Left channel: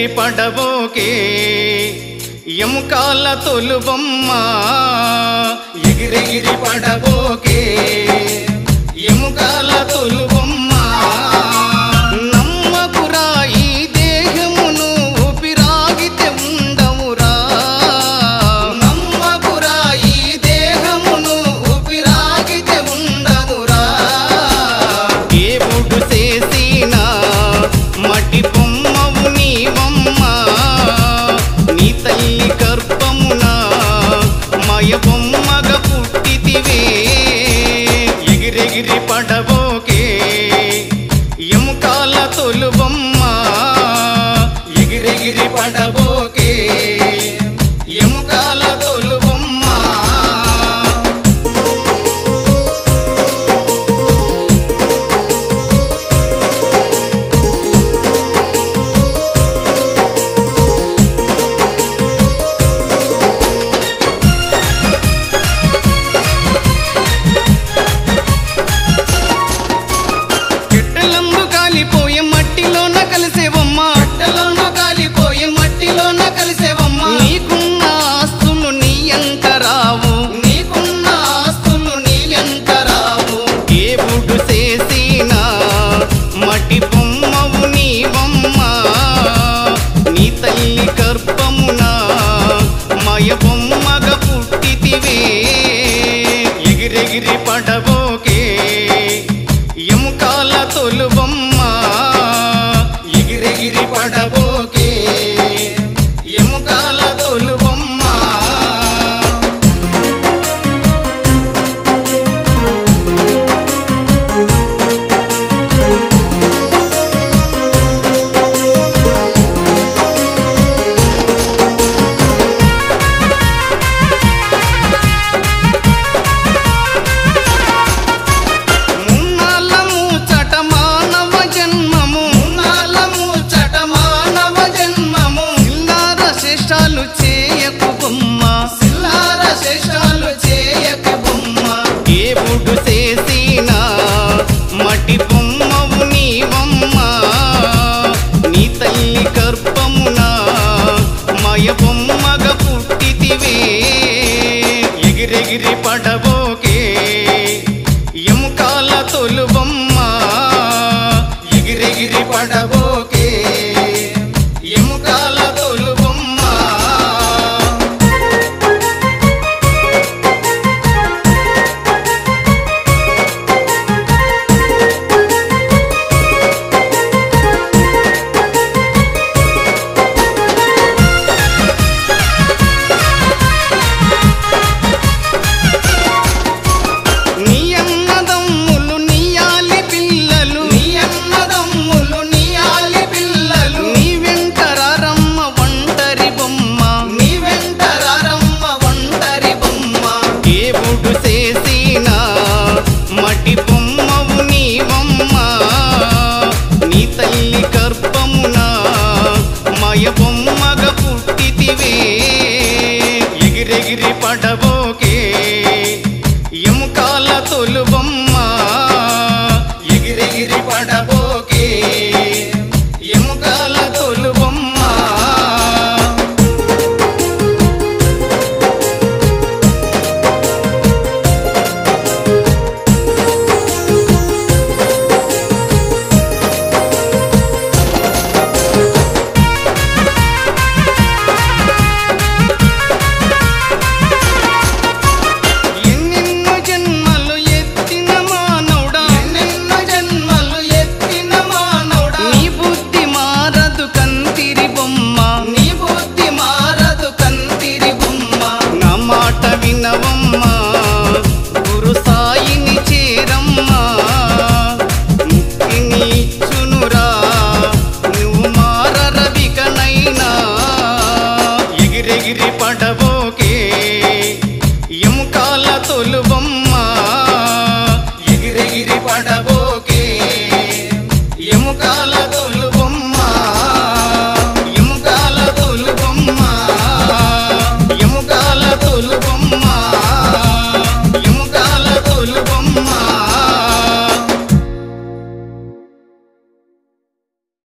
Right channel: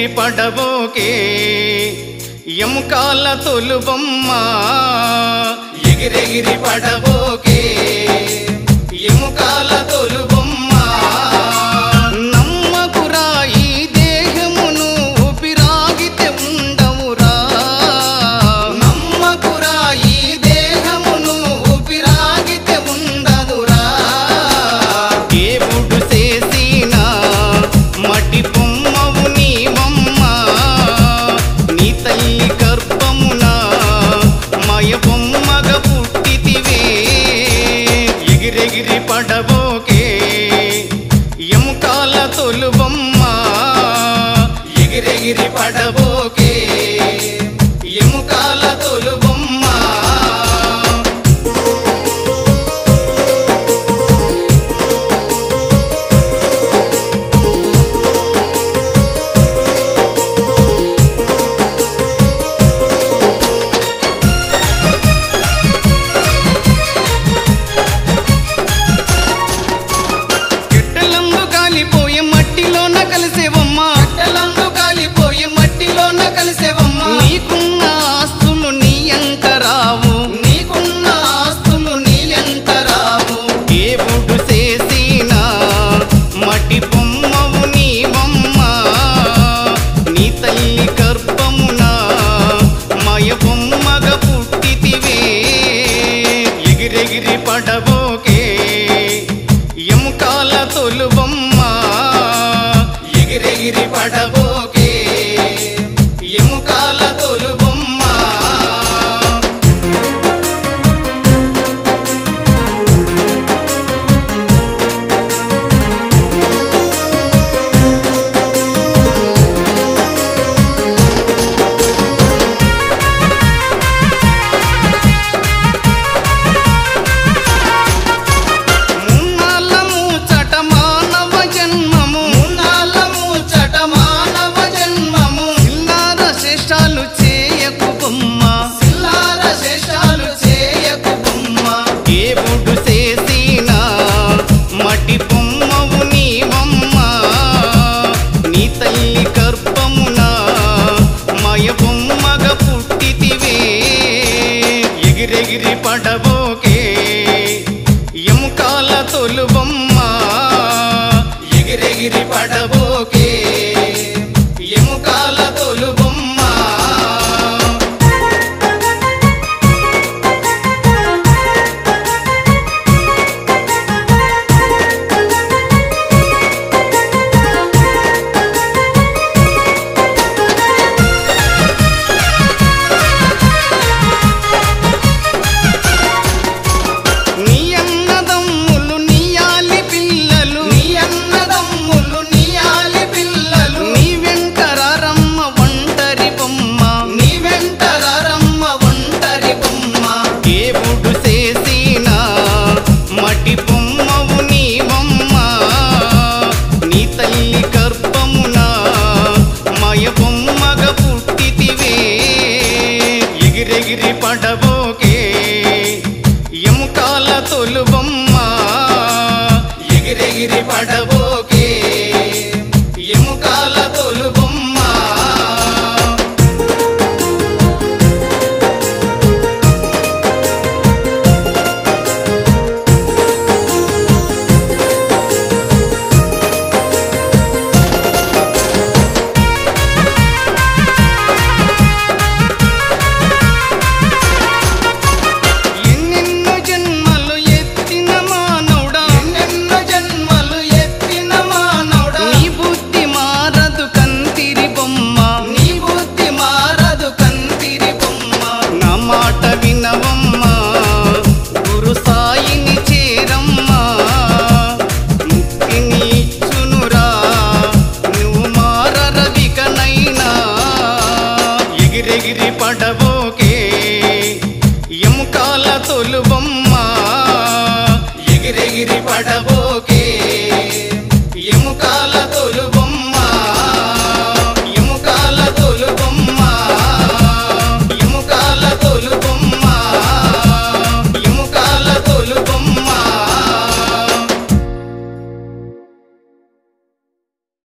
ఎగిరెగిరి పడబోకే ఎముకాల తొలుబొమ్మ ఎగిరెగిరి పడబోకే ఎముకాల తొలుబొమ్మ నమ్మకురా ఈ దేహమును ఊపిరాగితే ఉండవురా నమ్మకురా ఈ దేహమును ఊపిరాగితే ఉండవురా దేవుడు చేసిన మటి బొమ్మవు నీవమ్మ నీ తల్లి గర్భమున మయ బొమ్మగా పుట్టితివే ఎగిరెగిరి పడబోకే ఎముకాల తొలుబొమ్మ ఎగిరెగిరి పడబోకే ఎముకాల తొలుబొమ్మ కాలిపోయే మట్టిలోన కలిసేవమ్మా కట్టెలను కాలిపోయే మట్టిలోన కలిసేవమ్మా నీకున్న ఆస్తులు నీ ఎంట రావు నీకున్న ఆస్తులు నీ ఎంట రావు దేవుడు చేసిన మట్టి బొమ్మవు నీవమ్మ నీ తల్లి గర్భమున మయ బొమ్మగా పుట్టితివే ఎగిరెగిరి పడబోకే ఎముకాల తొలుబొమ్మ ఎగిరెగిరి పడబోకే ఎముకాల తొలుబొమ్మ శేషాలు చేయకు బొమ్మ సిల్లార శేషాలు చేయకు బొమ్మ దేవుడు చేసిన మటి బొమ్మవు నీవమ్మ నీ తల్లి గర్భమున మయ బొమ్మగా పుట్టితివే ఎగిరెగిరి పడబోకే ఎముకాల తొలుబొమ్మ ఎగిరెగిరి పడబోకే ఎముకాల తొలుబొమ్మ నీ అన్నదమ్ములు నీయాలి పిల్లలు నీ అన్నదమ్ములు నీయాలి పిల్లలు నీ వెంటరారమ్మ ఒంటరి బొమ్మ నీ వెంటరారమ్మ ఒంటరి బొమ్మ దేవుడు చేసిన మటి బొమ్మవు నీవమ్మ నీ తల్లి గర్భమున మయ బొమ్మగా పుట్టితివే ఎగిరెగిరి పడబోకే ఎముకాల తొలుబొమ్మ ఎగిరెగిరి పడబోకే ఎముకాల తొలుబొమ్మ మాట వినవమ్మ గురు సాయిని చేరమ్మ ముక్తిని ఇచ్చునురా నువ్వు మారరవికనైనా ఎగిరెగిరి పడబోకే ఎముకాల తొలుబొమ్మ ఎగిరెగిరి పడబోకే